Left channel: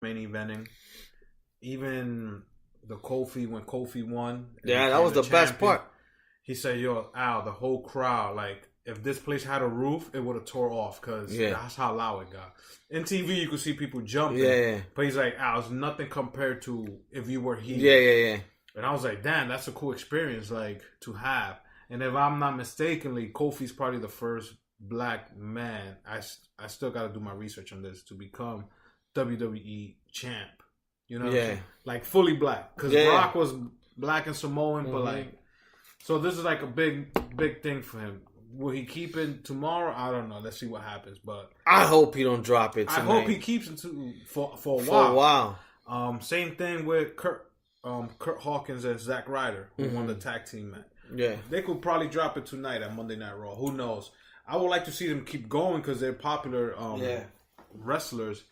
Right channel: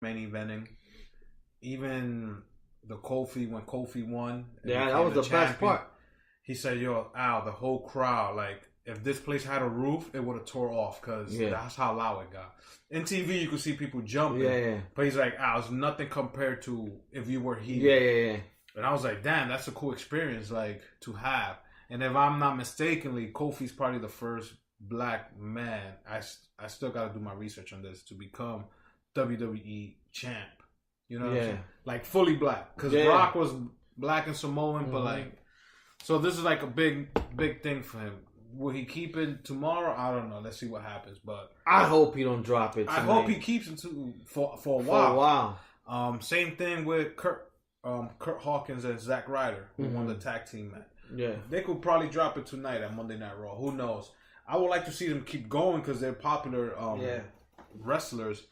main eventing. Even the Kofi when Kofi won. Yeah, that was the best part. He said, "Yo, Al, the whole crowd, like, if this place had a roof, it would have tore off because that's how loud it got." In TV, you could see people jumping. Yeah. But he's like, "Al, it's nothing compared to if you were here." Yeah. And I was like, "Damn, that's a cool experience, like, to have." And if I'm not mistakenly, Kofi's probably the first black man. I still got to do my research on this to become WWE champ. You know, what I'm saying? Like fully black, because Brock was black and Samoan, but like. So this is like a big thing for him. Will he keep it tomorrow? I don't know. Let's see what happens. But I hope he don't drop it tonight. I hope he keeps it for a while. Same thing with Kurt Hawkins and Zack Ryder, who won the tag team match. Yeah, they could probably drop it tonight at Monday Night Raw. Who knows? I would like to see them keep going because they're popular wrestlers.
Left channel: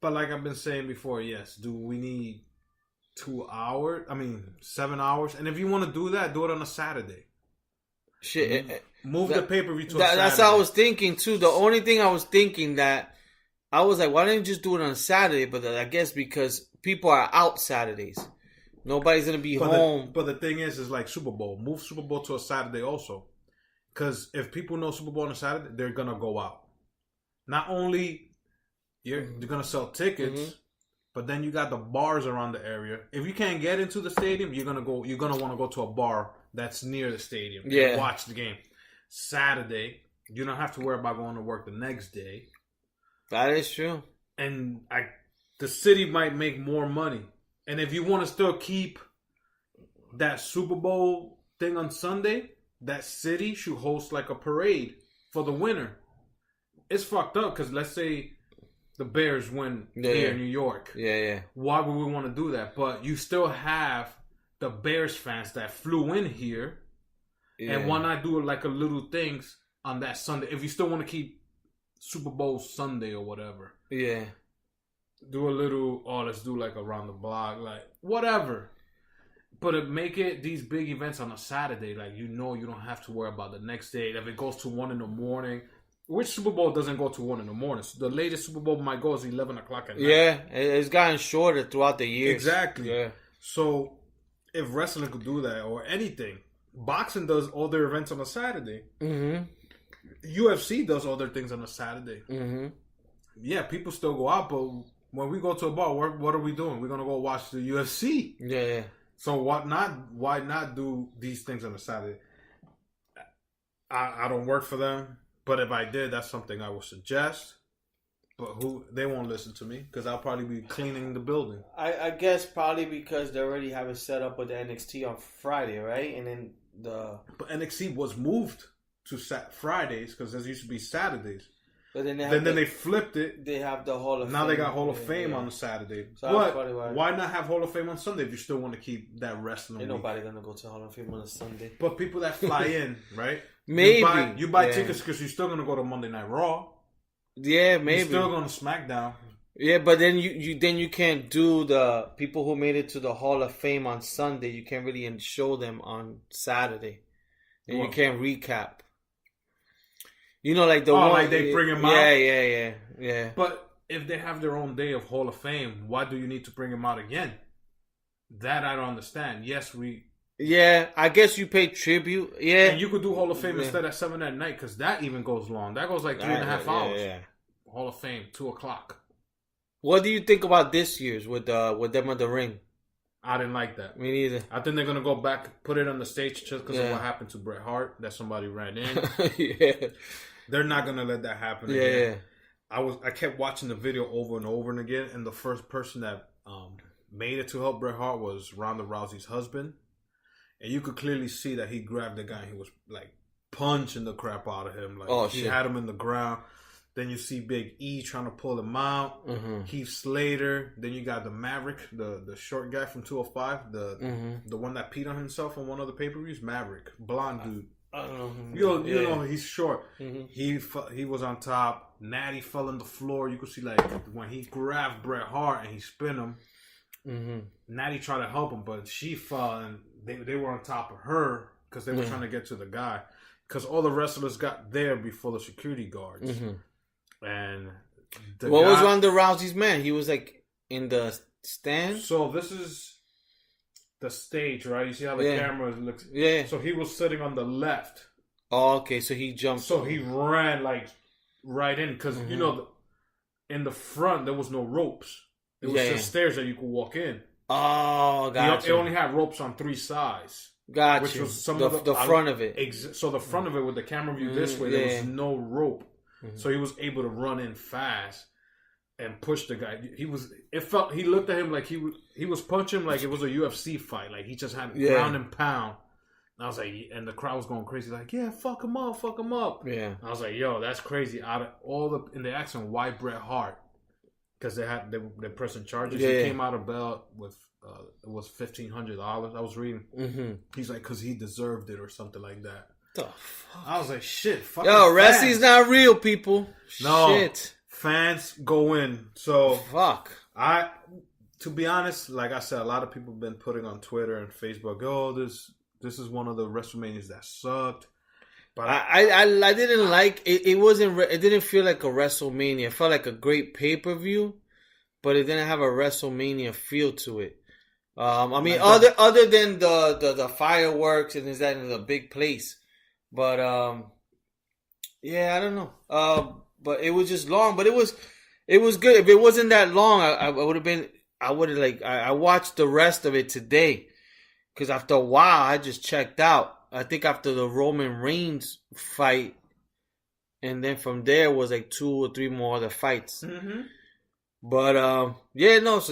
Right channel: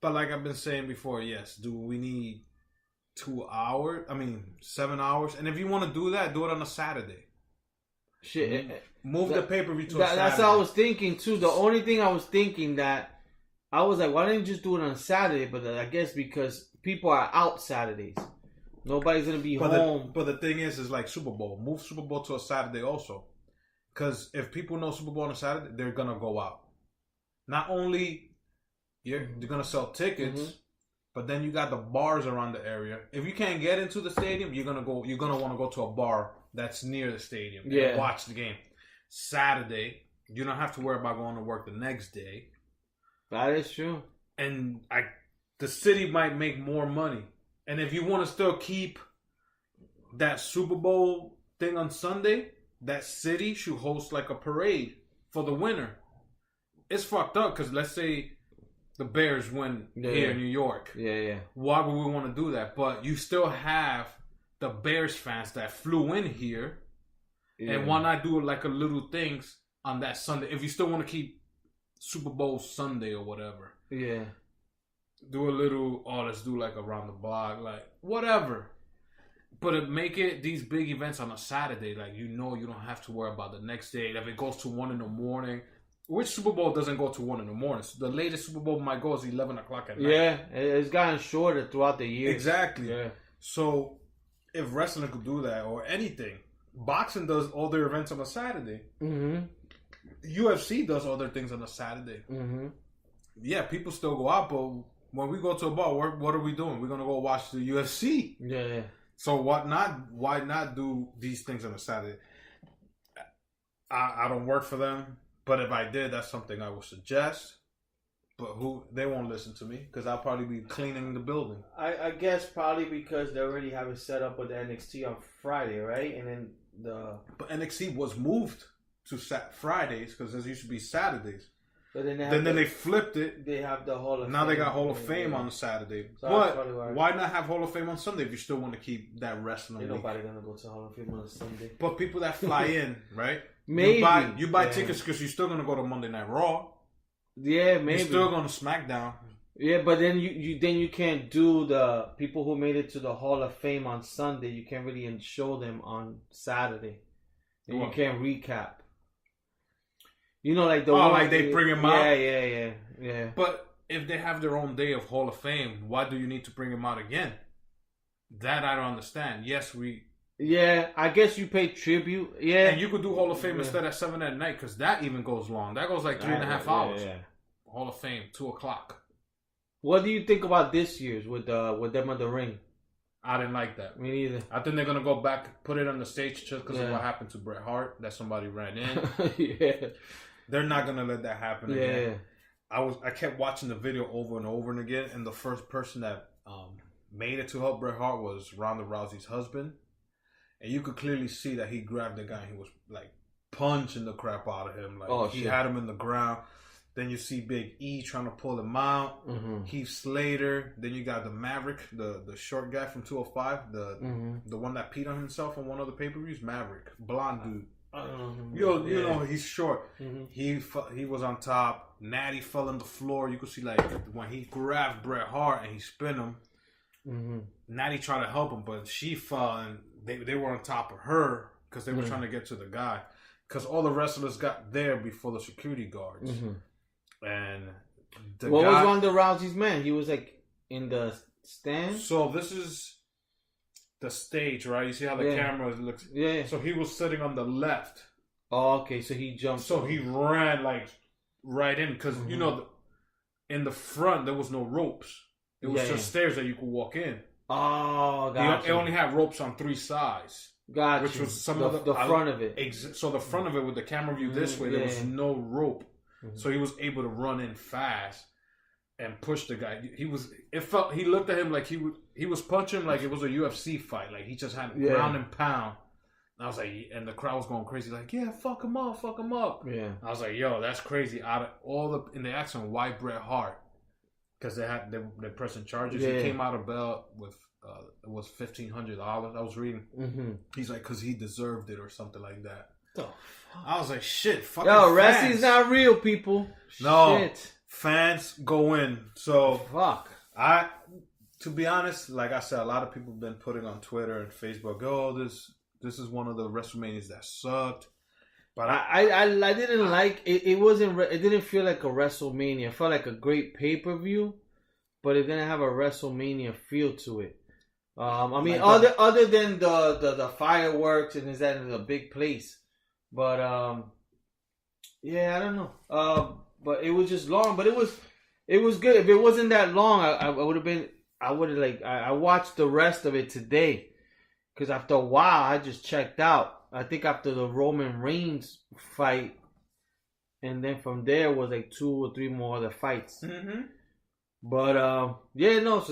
But like I've been saying before, yes. Do we need 2 hours? 7 hours. And if you want to do that, do it on a Saturday. Shit. Move the pay-per-view to a Saturday. That's what I was thinking too. The only thing I was thinking that I was like, why don't you just do it on Saturday? But I guess because people are out Saturdays. Nobody's going to be home. But the thing is like Super Bowl. Move Super Bowl to a Saturday also. Because if people know Super Bowl on a Saturday, they're going to go out. Not only they're going to sell tickets, but then you got the bars around the area. If you can't get into the stadium, you're gonna want to go to a bar that's near the stadium. And watch the game. Saturday, you don't have to worry about going to work the next day. That is true. And the city might make more money. And if you want to still keep that Super Bowl thing on Sunday, that city should host like a parade for the winner. It's fucked up because let's say the Bears win here in New York. Yeah. Why would we want to do that? But you still have the Bears fans that flew in here. Yeah. And why not do like a little things on that Sunday? If you still want to keep Super Bowl Sunday or whatever. Yeah. Do a little, let's do like around the block, like whatever. But make it these big events on a Saturday. Like, you don't have to worry about the next day. If it goes to 1 a.m, which Super Bowl doesn't go to 1 a.m? So the latest Super Bowl might go is 11 o'clock at night. Yeah, it's gotten shorter throughout the years. Exactly. Yeah. So if wrestling could do that or anything, boxing does all their events on a Saturday. UFC does all their things on a Saturday. Yeah, people still go out, but when we go to a bar, what are we doing? We're gonna go watch the UFC. Yeah. So why not do these things on a Saturday? I don't work for them. But if I did, that's something I would suggest. But they won't listen to me because I'll probably be cleaning the building. I guess probably because they already have it set up with the NXT on Friday, right? And then But NXT was moved to Fridays because there used to be Saturdays. But then they flipped it. They have the Hall of Fame. Now they got Hall of Fame on Saturday. So but why not have Hall of Fame on Sunday if you still want to keep that wrestling? Ain't nobody gonna go to Hall of Fame on a Sunday. But people that fly in, right? Maybe you buy tickets because you're still gonna go to Monday Night Raw. Yeah, maybe you're still going to SmackDown. Yeah, but then you can't do the people who made it to the Hall of Fame on Sunday. You can't really show them on Saturday, and you can't recap. You know, like the one like they bring them out. Yeah. But if they have their own day of Hall of Fame, why do you need to bring them out again? That I don't understand. Yes, Yeah, I guess you pay tribute. Yeah, and you could do Hall of Fame instead at 7 at night because that even goes long. That goes like 3.5 hours. Yeah. Hall of Fame, 2:00. What do you think about this year's with them on the ring? I didn't like that. Me neither. I think they're gonna go back, put it on the stage just because of what happened to Bret Hart. That somebody ran in. Yeah, they're not gonna let that happen. Yeah, again. I kept watching the video over and over and again, and the first person that made it to help Bret Hart was Ronda Rousey's husband. And you could clearly see that he grabbed the guy and he was like punching the crap out of him. Like he had him in the ground. Then you see Big E trying to pull him out. Heath Slater. Then you got the Maverick, the short guy from 205, the one that peed on himself on one of the pay-per-views. Maverick, blonde dude. You know he's short. He was on top. Natty fell on the floor. You could see like when he grabbed Bret Hart and he spun him. Natty tried to help him, but she fell and they were on top of her because they were trying to get to the guy. Because all the wrestlers got there before the security guards. And What was Ronda Rousey's man? He was like in the stand. So this is the stage, right? You see how the camera looks? Yeah. So he was sitting on the left. Oh, okay. So he jumped. So he ran like right in because you know, in the front there was no ropes. It was just stairs that you could walk in. Oh, gotcha. It only had ropes on 3 sides. Gotcha. Which was some of the front of it. So the front of it with the camera view this way, there was no rope. So he was able to run in fast and push the guy. He looked at him like he was punching like it was a UFC fight. Like he just had ground and pound. And I was like, and the crowd was going crazy. Like, yeah, fuck him up. Yeah. And I was like, yo, that's crazy. Out of all in the accent, why Bret Hart? Because they're pressing charges. He came out of bail with it was $1,500. I was reading. He's like, because he deserved it or something like that. The fuck? I was like, shit. Yo, wrestling's not real, people. No, shit. Fans go in. So fuck. To be honest, like I said, a lot of people have been putting on Twitter and Facebook, oh, this is one of the WrestleManias that sucked. But I didn't like it. It didn't feel like a WrestleMania. It felt like a great pay-per-view, but it didn't have a WrestleMania feel to it. I mean, other than the fireworks and is that in a big place, but yeah, I don't know. But it was just long. But it was good. If it wasn't that long, I would have been. I would have I watched the rest of it today, because after a while I just checked out. I think after the Roman Reigns fight, and then from there was like 2 or 3 more other fights. But so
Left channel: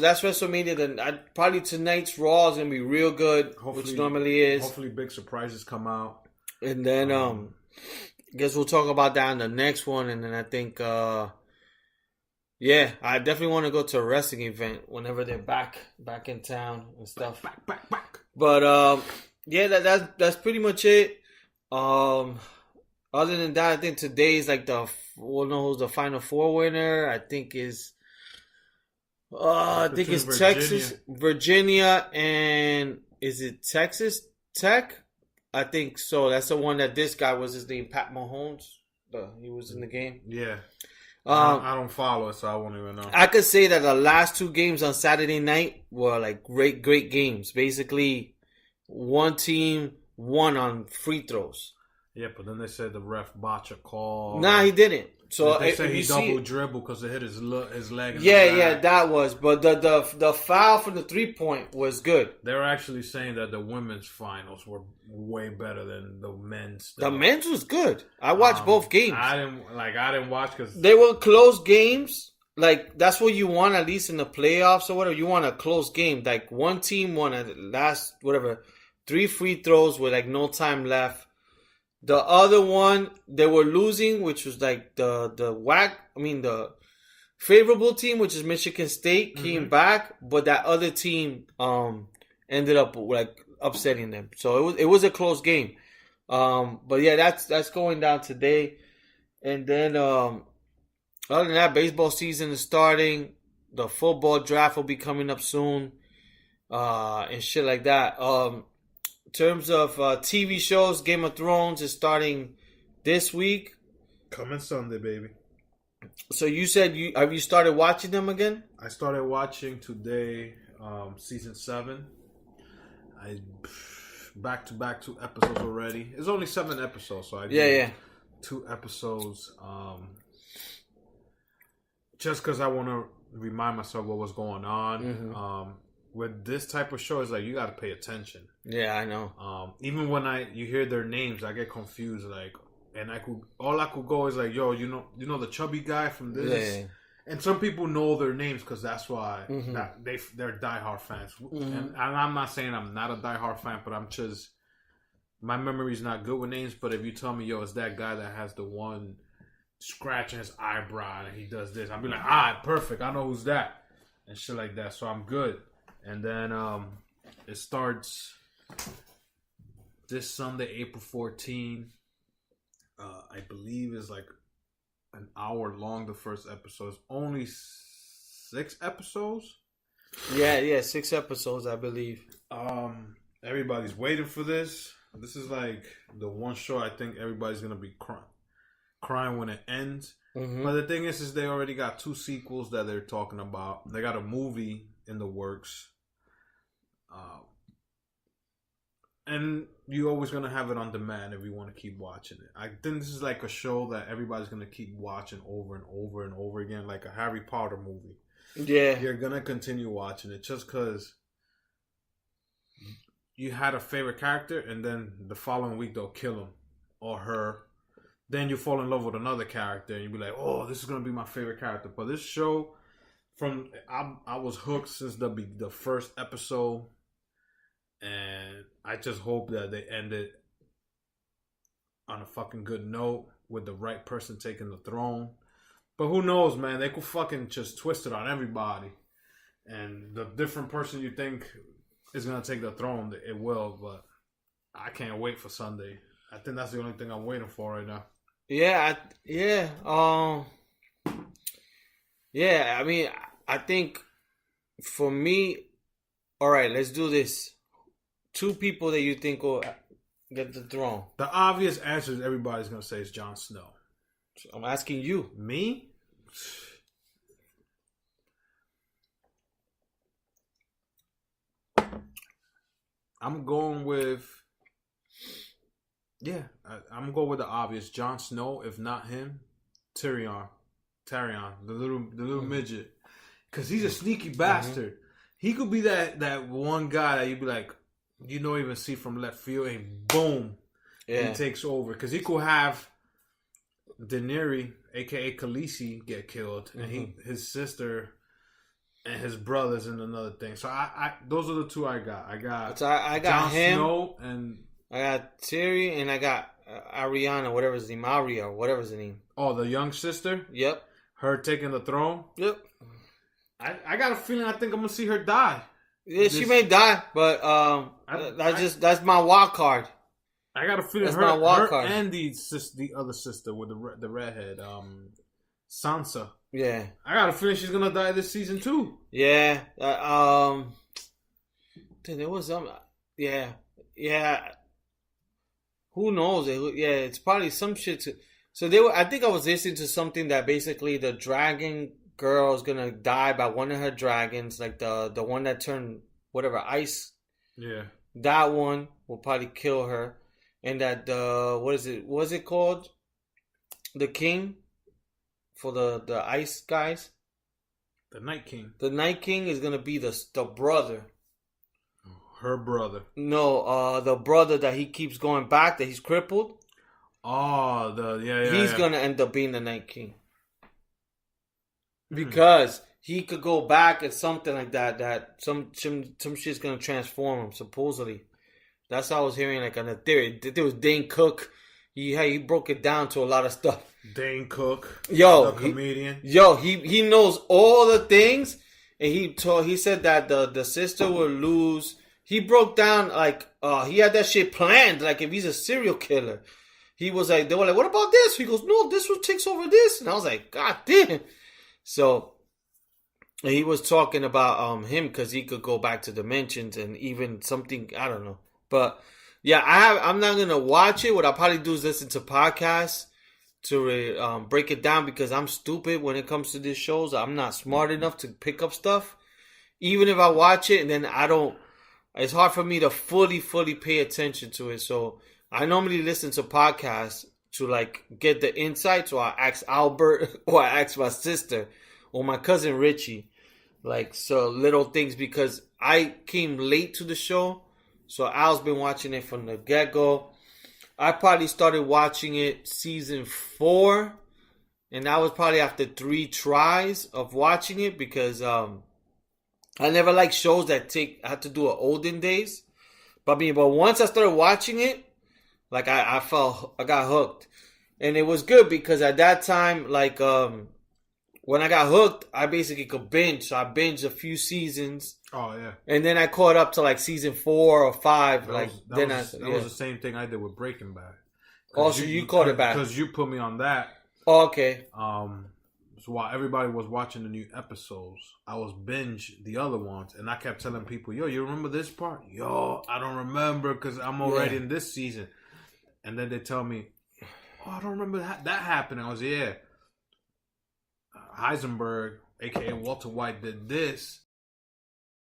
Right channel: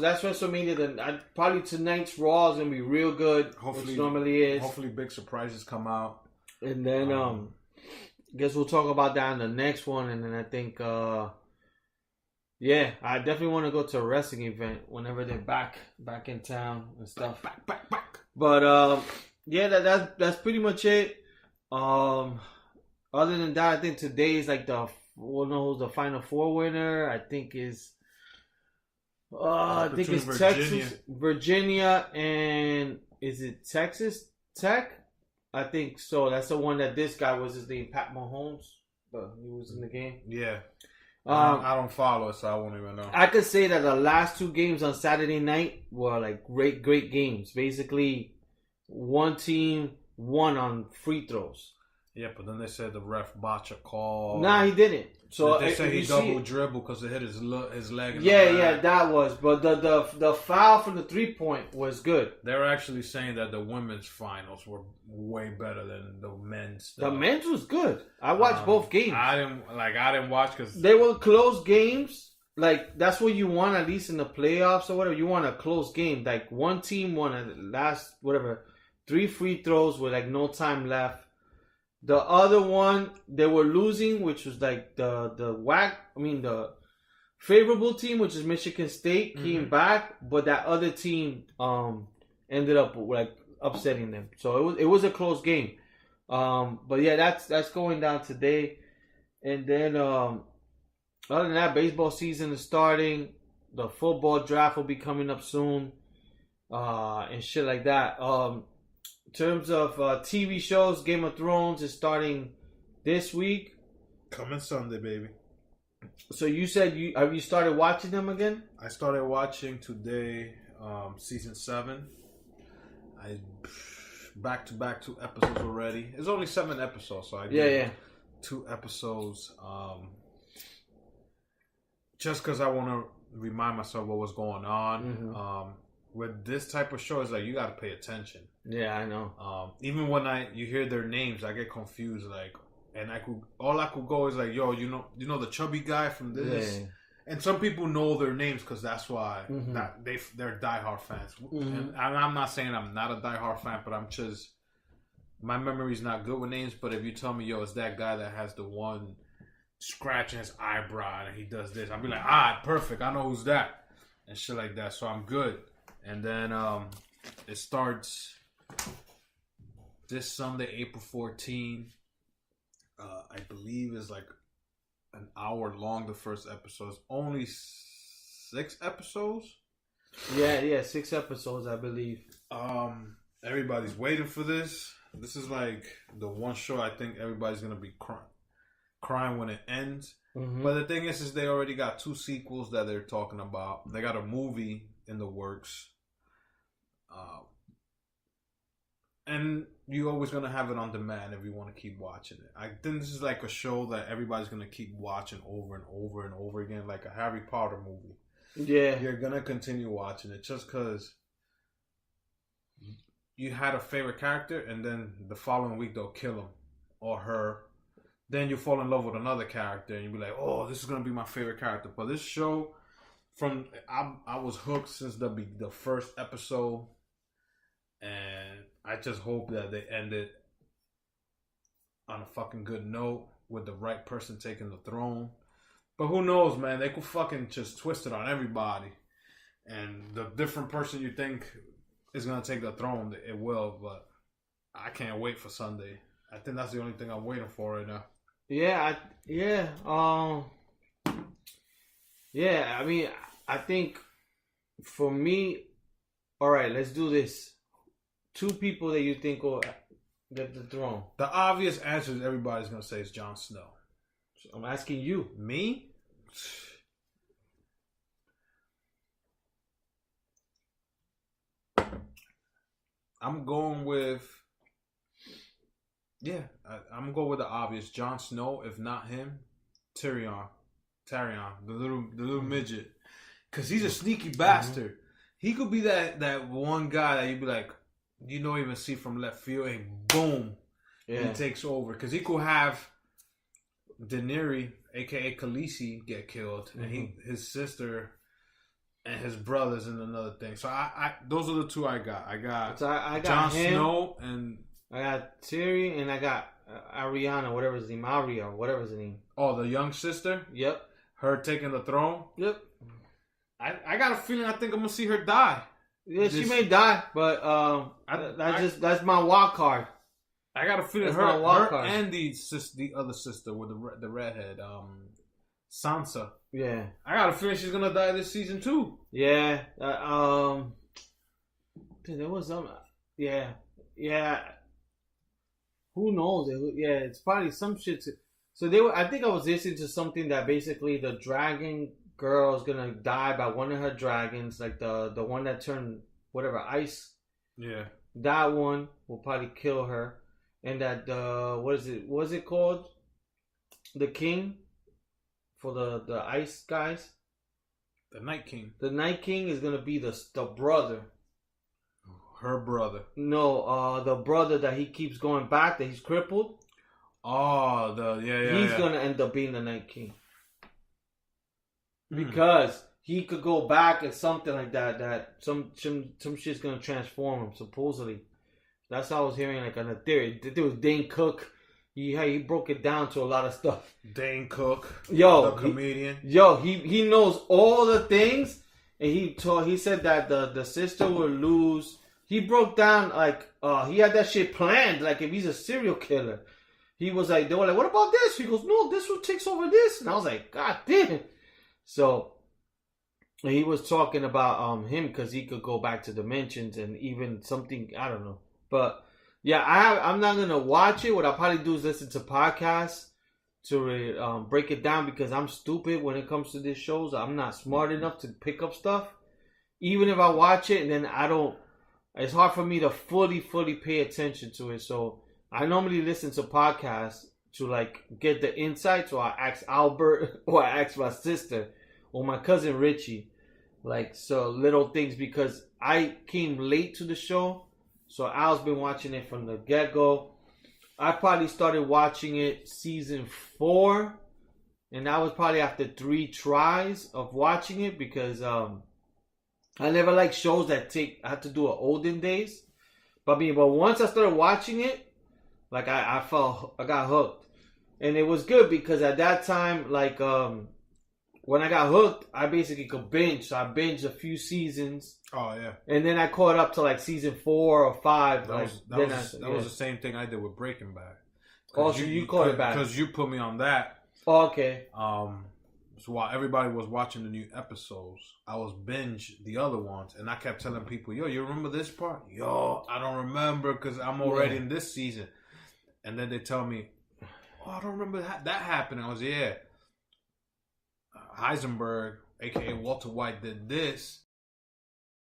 that's WrestleMania. Then probably tonight's Raw is gonna be real good, which normally is. Hopefully, big surprises come out. And then guess we'll talk about that in the next one. And then I think I definitely want to go to a wrestling event whenever they're back in town and stuff. Back. But that's pretty much it. Other than that, I think today is like we'll know who's the Final Four winner. I think is I think it's Virginia. Texas, Virginia, and is it Texas Tech? I think so. That's the one that this guy was his name, Pat Mahomes. He was in the game. Yeah. I don't follow it, so I won't even know. I could say that the last 2 games on Saturday night were like great games. Basically, one team won on free throws. Yeah, but then they said the ref botched a call. Nah, he didn't. So they said he double dribbled because it hit his leg. Yeah, that was. But the foul from the 3-point was good. They're actually saying that the women's finals were way better than the men's. The men's was good. I watched both games. I didn't watch because they were close games. Like that's what you want, at least in the playoffs or whatever. You want a close game. Like one team won at the last 3 free throws with like no time left. The other one, they were losing, which was like the favorable team, which is Michigan State, came back, but that other team ended up like upsetting them. So it was a close game. But yeah, that's going down today. And then other than that, baseball season is starting. The football draft will be coming up soon. And shit like that. In terms of TV shows, Game of Thrones is starting this week. Coming Sunday, baby. So you said have you started watching them again? I started watching today, season 7. I back to 2 episodes already. It's only 7 episodes, so I did 2 episodes. Just because I want to remind myself what was going on. With this type of show, it's like you got to pay attention. Yeah, I know. Even when you hear their names, I get confused. Like, and all I could go is like, yo, you know the chubby guy from this. Yeah. And some people know their names because that's why they're diehard fans. And I'm not saying I'm not a diehard fan, but my memory's not good with names. But if you tell me, yo, it's that guy that has the one scratching his eyebrow and he does this, I'll be like, perfect. I know who's that and shit like that. So I'm good. And then it starts this Sunday, April 14. I believe is like an hour long. The first episode, only 6 episodes. Yeah, 6 episodes, I believe. Everybody's waiting for this. This is like the one show I think everybody's gonna be crying when it ends. Mm-hmm. But the thing is they already got 2 sequels that they're talking about. They got a movie in the works. And you're always going to have it on demand if you want to keep watching it. I think this is like a show that everybody's going to keep watching over and over and over again, like a Harry Potter movie. Yeah. You're going to continue watching it just because you had a favorite character and then the following week they'll kill him or her. Then you fall in love with another character and you'll be like, oh, this is going to be my favorite character. But this show, I was hooked since the first episode. And I just hope that they end it on a fucking good note with the right person taking the throne. But who knows, man? They could fucking just twist it on everybody. And the different person you think is going to take the throne, it will. But I can't wait for Sunday. I think that's the only thing I'm waiting for right now. Yeah, I mean, I think for me, all right, let's do this. 2 people that you think will get the throne. The obvious answer is everybody's going to say is Jon Snow. So I'm asking you. Me? I'm going with... Yeah, I'm going to go with the obvious. Jon Snow, if not him, Tyrion, the little midget. Because he's a sneaky bastard. He could be that one guy that you'd be like, you don't even see from left field, and boom, he takes over. Because he could have Daenerys, a.k.a. Khaleesi, get killed. And his sister and his brothers and another thing. So I those are the 2 I got. I got Jon him, Snow and... I got Tyrion and I got Ariana, whatever his name, Arya, whatever his name. Oh, the young sister? Yep. Her taking the throne? Yep. I got a feeling I think I'm going to see her die. Yeah, she may die, but that's my wild card. I got a feeling that's my wild card. And the other sister with the redhead, Sansa. Yeah. I got a feeling she's going to die this season too. Yeah. There was some... Yeah. Who knows? Yeah, it's probably some shit. I think I was listening to something that basically the dragon girl is gonna die by one of her dragons, like the one that turned whatever ice. Yeah. That one will probably kill her, and that what is it called? The king for the ice guys. The Night King. The Night King is gonna be the brother. Her brother. No, the brother that he keeps going back, that he's crippled. Oh, he's gonna end up being the Night King. Because he could go back and something like that some shit's gonna transform him, supposedly. That's how I was hearing, like, on a theory. There was Dane Cook. He broke it down to a lot of stuff. Dane Cook. The comedian. He knows all the things, and he said that the sister will lose. He broke down, like, he had that shit planned, like, if he's a serial killer. He was like, they were like, what about this? He goes, no, this one takes over this. And I was like, God damn. So, he was talking about him because he could go back to dimensions and even something, I don't know. But, yeah, I'm not going to watch it. What I'll probably do is listen to podcasts to break it down because I'm stupid when it comes to these shows. I'm not smart enough to pick up stuff. Even if I watch it and then I don't... It's hard for me to fully pay attention to it. So I normally listen to podcasts to, like, get the insights, or I ask Albert, or I ask my sister or my cousin Richie, like, so little things, because I came late to the show. So Al's been watching it from the get-go. I probably started watching it season 4, and that was probably after 3 tries of watching it, because I never liked shows that I had to do it olden days. But once I started watching it, like, I got hooked. And it was good because at that time, like, when I got hooked, I basically could binge. So I binged a few seasons. Oh, yeah. And then I caught up to, like, season 4 or 5. That was the same thing I did with Breaking Bad. Oh, so you caught it back. Because you put me on that. Oh, okay. So while everybody was watching the new episodes, I was binge the other ones, and I kept telling people, yo, you remember this part? Yo, I don't remember because I'm already in this season. And then they tell me, oh, I don't remember that happened. I was, yeah. Eisenberg, aka Walter White, did this,